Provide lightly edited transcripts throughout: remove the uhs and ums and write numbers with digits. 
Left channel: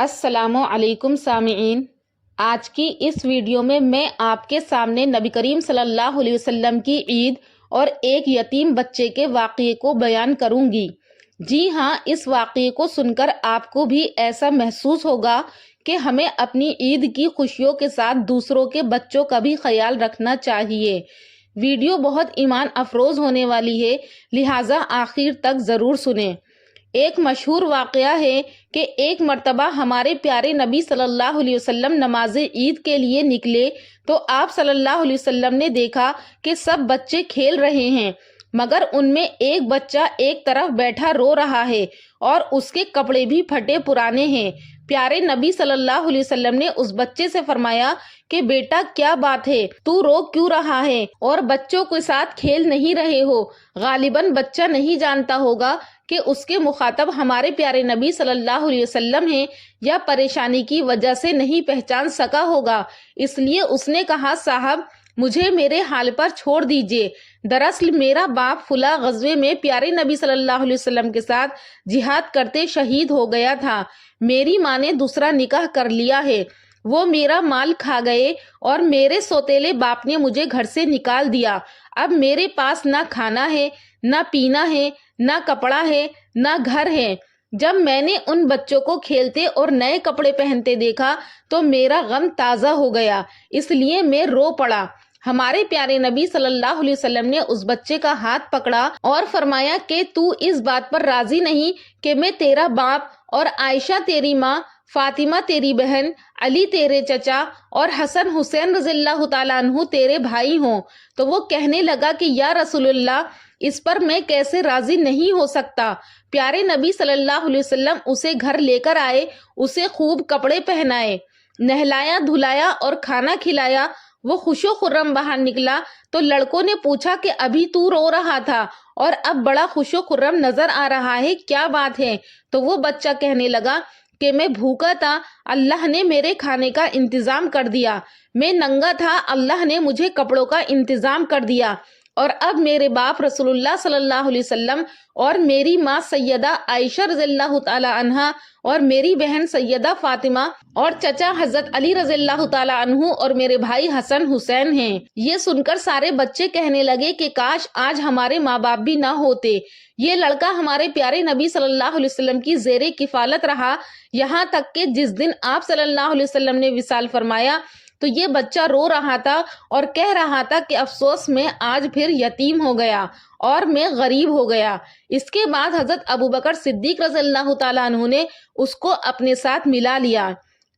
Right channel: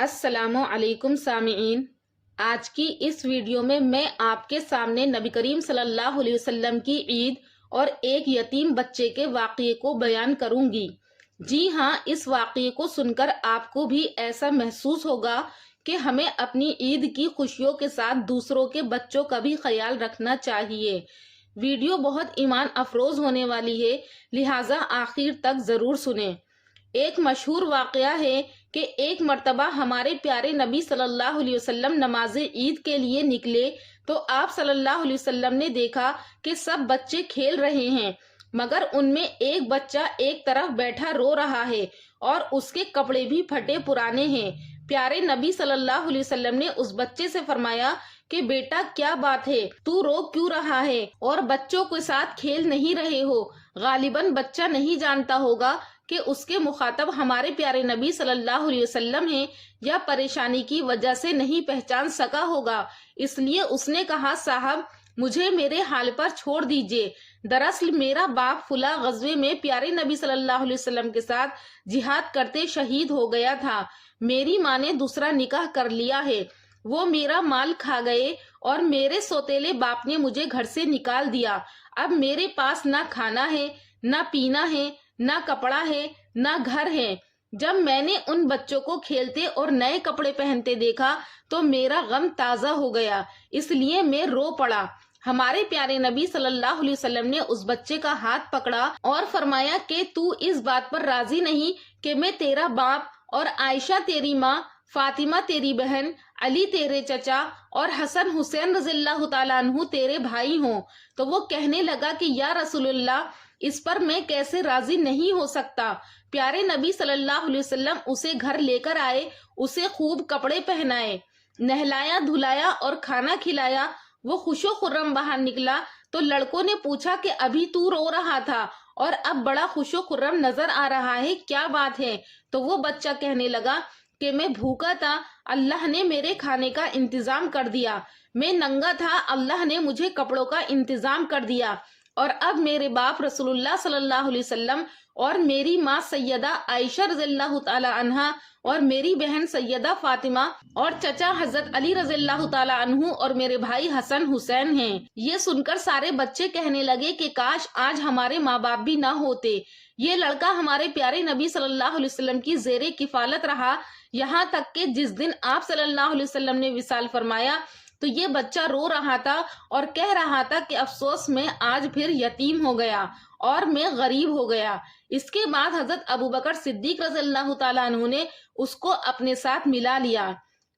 السلام علیکم سامعین، آج کی اس ویڈیو میں آپ کے سامنے نبی کریم صلی اللہ علیہ وسلم کی عید اور ایک یتیم بچے کے واقعے کو بیان کروں گی۔ جی ہاں، اس واقعے کو سن کر آپ کو بھی ایسا محسوس ہوگا کہ ہمیں اپنی عید کی خوشیوں کے ساتھ دوسروں کے بچوں کا بھی خیال رکھنا چاہیے۔ ویڈیو بہت ایمان افروز ہونے والی ہے، لہٰذا آخر تک ضرور سنیں۔ ایک مشہور واقعہ ہے کہ ایک مرتبہ ہمارے پیارے نبی صلی اللہ علیہ وسلم نماز عید کے لیے نکلے تو آپ صلی اللہ علیہ وسلم نے دیکھا کہ سب بچے کھیل رہے ہیں، مگر ان میں ایک بچہ ایک طرف بیٹھا رو رہا ہے اور اس کے کپڑے بھی پھٹے پرانے ہیں۔ پیارے نبی صلی اللہ علیہ وسلم نے اس بچے سے فرمایا کہ بیٹا کیا بات ہے، تو رو کیوں رہا ہے اور بچوں کے ساتھ کھیل نہیں رہے ہو؟ غالباً بچہ نہیں جانتا ہوگا کہ اس کے مخاطب ہمارے پیارے نبی صلی اللہ علیہ وسلم ہیں، یا پریشانی کی وجہ سے نہیں پہچان سکا ہوگا، اس لیے اس نے کہا صاحب مجھے میرے حال پر چھوڑ دیجئے، دراصل میرا باپ فلاں غزوے میں پیارے نبی صلی اللہ علیہ وسلم کے ساتھ جہاد کرتے شہید ہو گیا تھا، میری ماں نے دوسرا نکاح کر لیا ہے، وہ میرا مال کھا گئے اور میرے سوتیلے باپ نے مجھے گھر سے نکال دیا، اب میرے پاس نہ کھانا ہے، نہ پینا ہے، نہ کپڑا ہے، نہ گھر ہے۔ جب میں نے ان بچوں کو کھیلتے اور نئے کپڑے پہنتے دیکھا تو میرا غم تازہ ہو گیا، اس لیے میں رو پڑا۔ ہمارے پیارے نبی صلی اللہ علیہ وسلم نے اس بچے کا ہاتھ پکڑا اور فرمایا کہ تو اس بات پر راضی نہیں کہ میں تیرا باپ اور عائشہ تیری ماں، فاطمہ تیری بہن، علی تیرے چچا اور حسن حسین رضی اللہ تعالیٰ عنہ تیرے بھائی ہوں؟ تو وہ کہنے لگا کہ یا رسول اللہ، اس پر میں کیسے راضی نہیں ہو سکتا۔ پیارے نبی صلی اللہ علیہ وسلم اسے گھر لے کر آئے، اسے خوب کپڑے پہنائے، نہلایا دھلایا اور کھانا کھلایا، وہ خوش و خرم باہر نکلا تو لڑکوں نے پوچھا کہ ابھی تو رو رہا تھا اور اب بڑا خوش و خرم نظر آ رہا ہے، کیا بات ہے؟ تو وہ بچہ کہنے لگا کہ میں بھوکا تھا، اللہ نے میرے کھانے کا انتظام کر دیا، میں ننگا تھا، اللہ نے مجھے کپڑوں کا انتظام کر دیا، اور اب میرے باپ رسول اللہ صلی اللہ علیہ وسلم اور میری ماں سیدہ عائشہ رضی اللہ تعالی عنہا اور میری بہن سیدہ فاطمہ اور چچا حضرت علی رضی اللہ تعالی عنہ اور میرے بھائی حسن حسین ہیں۔ یہ سن کر سارے بچے کہنے لگے کہ کاش آج ہمارے ماں باپ بھی نہ ہوتے، یہ لڑکا ہمارے پیارے نبی صلی اللہ علیہ وسلم کی زیر کفالت رہا، یہاں تک کہ جس دن آپ صلی اللہ علیہ وسلم نے وصال فرمایا تو یہ بچہ رو رہا تھا اور کہہ رہا تھا کہ افسوس میں آج پھر یتیم ہو گیا اور میں غریب ہو گیا۔ اس کے بعد حضرت ابوبکر صدیق رضی اللہ تعالیٰ عنہ نے اس کو اپنے ساتھ ملا لیا۔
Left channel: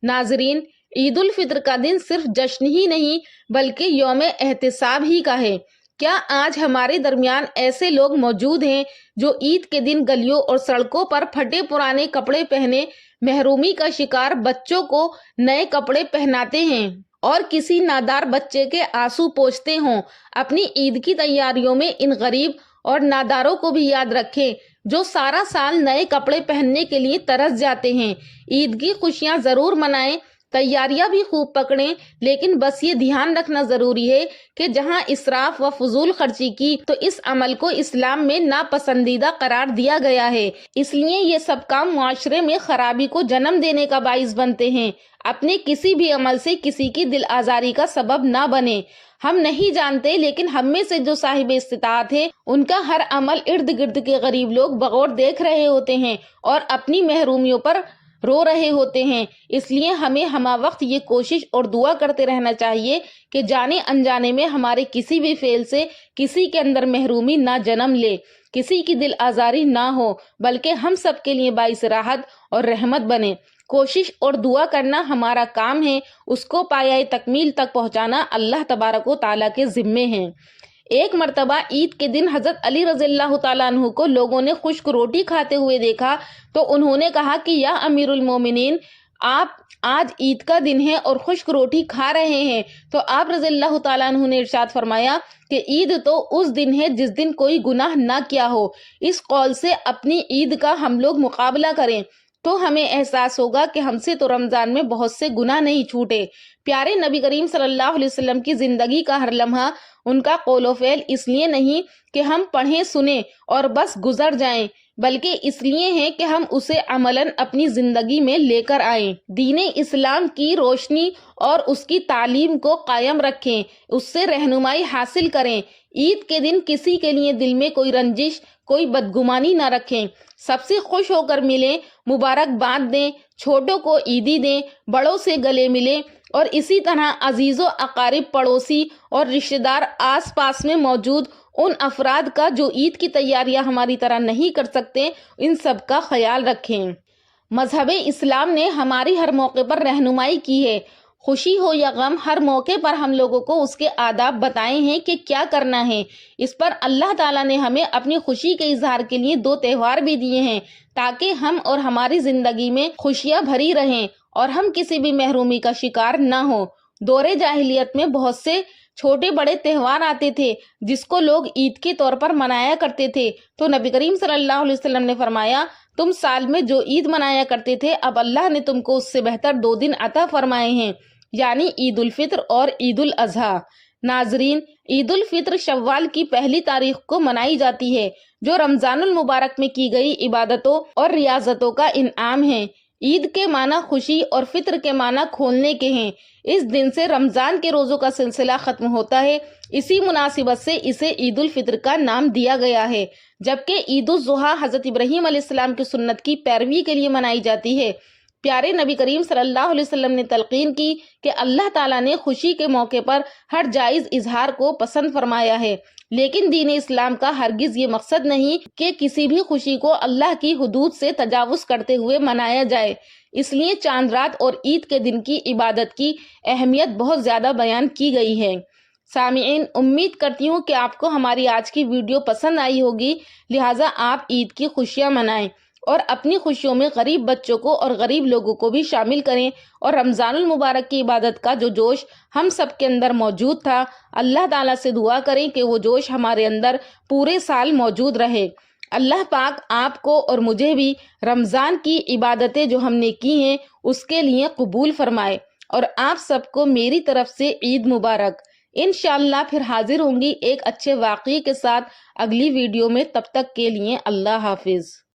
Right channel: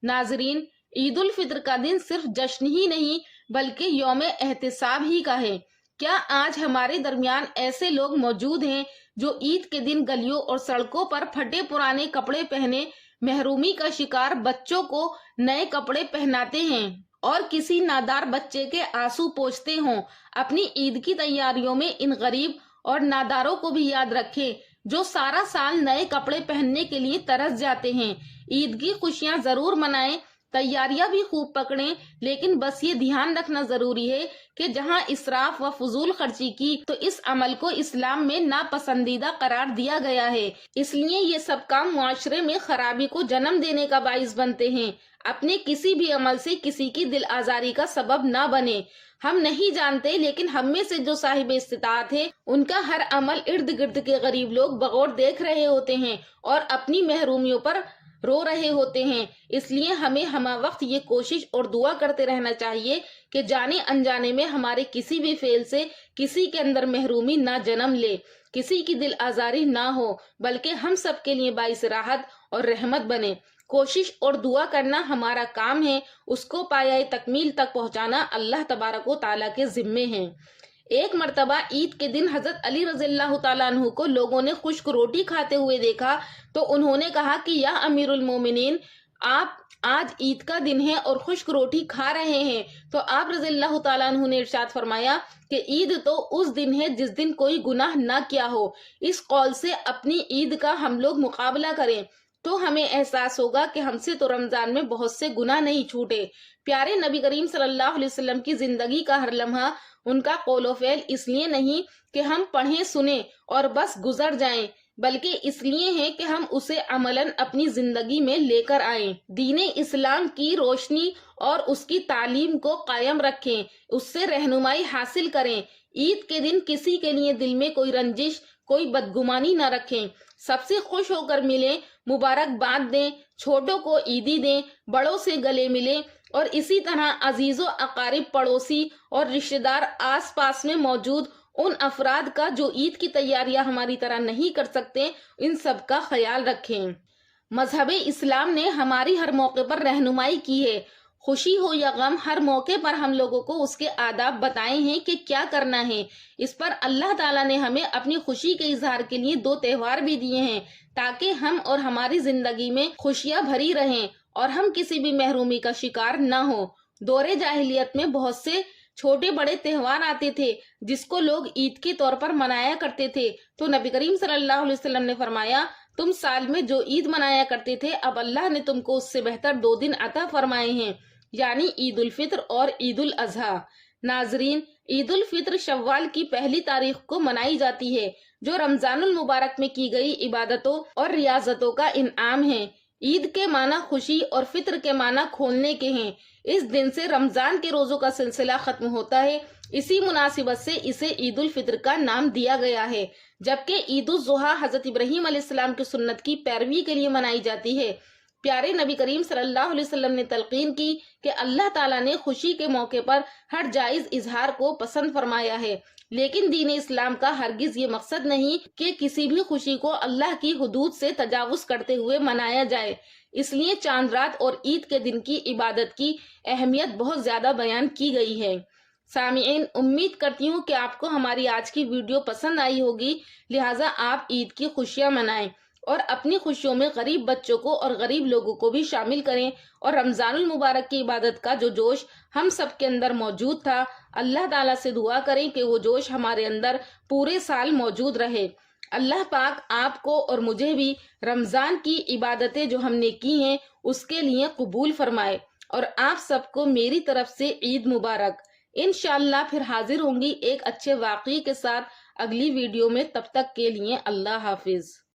ناظرین، عید الفطر کا دن صرف جشن ہی نہیں بلکہ یوم احتساب ہی کا ہے۔ کیا آج ہمارے درمیان ایسے لوگ موجود ہیں جو عید کے دن گلیوں اور سڑکوں پر پھٹے پرانے کپڑے پہنے محرومی کا شکار بچوں کو نئے کپڑے پہناتے ہیں اور کسی نادار بچے کے آنسو پوچھتے ہوں؟ اپنی عید کی تیاریوں میں ان غریب اور ناداروں کو بھی یاد رکھیں جو سارا سال نئے کپڑے پہننے کے لیے ترس جاتے ہیں۔ عید کی خوشیاں ضرور منائیں، تیاریاں بھی خوب پکڑیں، لیکن بس یہ دھیان رکھنا ضروری ہے کہ جہاں اسراف و فضول خرچی کی تو اس عمل کو اسلام میں ناپسندیدہ قرار دیا گیا ہے، اس لیے یہ سب کام معاشرے میں خرابی کو جنم دینے کا باعث بنتے ہیں۔ اپنے کسی بھی عمل سے کسی کی دل آزاری کا سبب نہ بنے۔ ہم نہیں جانتے لیکن ہم میں سے جو صاحب استطاعت ہے ان کا ہر عمل ارد گرد کے غریب لوگ بغور دیکھ رہے ہوتے ہیں اور اپنی محرومیوں پر رو رہے ہوتے ہیں، اس لیے ہمیں ہمہ وقت یہ کوشش اور دعا کرتے رہنا چاہیے کہ جانے انجانے میں ہمارے کسی بھی فعل سے کسی کے اندر محرومی نہ جنم لے، کسی کی دل آزاری نہ ہو، بلکہ ہم سب کے لیے باعث راحت اور رحمت بنے۔ کوشش اور دعا کرنا ہمارا کام ہے، اس کو پایۂ تکمیل تک پہنچانا اللہ تبارک و تعالیٰ کے ذمے ہے۔ ایک مرتبہ عید کے دن حضرت علی رضی اللہ تعالیٰ عنہ کو لوگوں نے خشک روٹی کھاتے ہوئے دیکھا تو انہوں نے کہا کہ یا امیر المومنین، آپ آج عید کا دن ہے اور خشک روٹی کھا رہے ہیں؟ تو آپ رضی اللہ تعالیٰ عنہ نے ارشاد فرمایا کہ عید تو اس دن ہے جس دن کوئی گناہ نہ کیا ہو، اس قول سے اپنی عید کا ہم لوگ مقابلہ کریں تو ہمیں احساس ہوگا کہ ہم سے تو رمضان میں بہت سے گناہ نہیں چھوٹے۔ پیارے نبی کریم صلی اللہ علیہ وسلم کی زندگی کا ہر لمحہ ان کا قول و فعل اس لیے نہیں کہ ہم پڑھیں سنیں اور بس گزر جائیں، بلکہ اس لیے ہیں کہ ہم اسے عملاً اپنی زندگی میں لے کر آئیں، دین اسلام کی روشنی اور اس کی تعلیم کو قائم رکھیں، اس سے رہنمائی حاصل کریں۔ عید کے دن کسی کے لیے دل میں کوئی رنجش، کوئی بدگمانی نہ رکھیں، سب سے خوش ہو کر ملیں، مبارکباد دیں، چھوٹوں کو عیدی دیں، بڑوں سے گلے ملیں، اور اسی طرح عزیز و اقارب، پڑوسی اور رشتہ دار آس پاس میں موجود ان افراد کا جو عید کی تیاریاں ہماری طرح نہیں کر سکتے، ان سب کا خیال رکھیں۔ مذہب اسلام نے ہماری ہر موقع پر رہنمائی کی ہے، خوشی ہو یا غم، ہر موقع پر ہم لوگوں کو اس کے آداب بتائے ہیں کہ کیا کرنا ہے۔ اس پر اللہ تعالیٰ نے ہمیں اپنی خوشی کے اظہار کے لیے 2 تہوار بھی دیے ہیں تاکہ ہم اور ہماری زندگی میں خوشیاں بھری رہیں اور ہم کسی بھی محرومی کا شکار نہ ہوں۔ دور جاہلیت میں بہت سے چھوٹے بڑے تہوار آتے تھے جس کو لوگ عید کے طور پر منایا کرتے تھے، تو نبی کریم صلی اللہ علیہ وسلم نے فرمایا، تم سال میں جو عید منایا کرتے تھے اب اللہ نے تم کو اس سے بہتر 2 دن عطا فرمائے ہیں، یعنی عید الفطر اور عید الاضحیٰ۔ ناظرین، عید الفطر شوال کی 1 تاریخ کو منائی جاتی ہے، جو رمضان المبارک میں کی گئی عبادتوں اور ریاضتوں کا انعام ہے۔ عید کے معنی خوشی اور فطر کے معنی کھولنے کے ہیں۔ اس دن سے رمضان کے روزوں کا سلسلہ ختم ہوتا ہے، اسی مناسبت سے اسے عید الفطر کا نام دیا گیا ہے، جبکہ عید الاضحیٰ حضرت ابراہیم علیہ السلام کی سنت کی پیروی کے لیے منائی جاتی ہے۔ پیارے نبی کریم صلی اللہ علیہ وسلم نے تلقین کی کہ اللہ تعالیٰ نے خوشی کے موقع پر ہر جائز اظہار کو پسند فرمایا ہے، لیکن دین اسلام کا ہرگز یہ مقصد نہیں کہ کسی بھی خوشی کو اللہ کی حدود سے تجاوز کرتے ہوئے منایا جائے۔ اس لیے چاند رات اور عید کے دن کی عبادت کی اہمیت بہت زیادہ بیان کی گئی ہے۔ سامعین، امید کرتی ہوں کہ آپ کو ہماری آج کی ویڈیو پسند آئی ہوگی، لہٰذا آپ عید کی خوشیاں منائیں اور اپنی خوشیوں میں غریب بچوں کو اور غریب لوگوں کو بھی شامل کریں، اور رمضان المبارک کی عبادت کا جو جوش ہم سب کے اندر موجود تھا، اللہ تعالیٰ سے دعا کریں کہ وہ جوش ہمارے اندر پورے سال موجود رہے۔ اللہ پاک آپ کو اور مجھے بھی رمضان کی عبادتیں جو ہم نے کی ہیں اس کے لیے قبول فرمائے، اور آپ سب کو میری طرف سے عید مبارک۔ انشاءاللہ پھر حاضر ہوں گی ایک اچھے واقعے کے ساتھ اگلی ویڈیو میں، تب تک کے لیے اللہ حافظ۔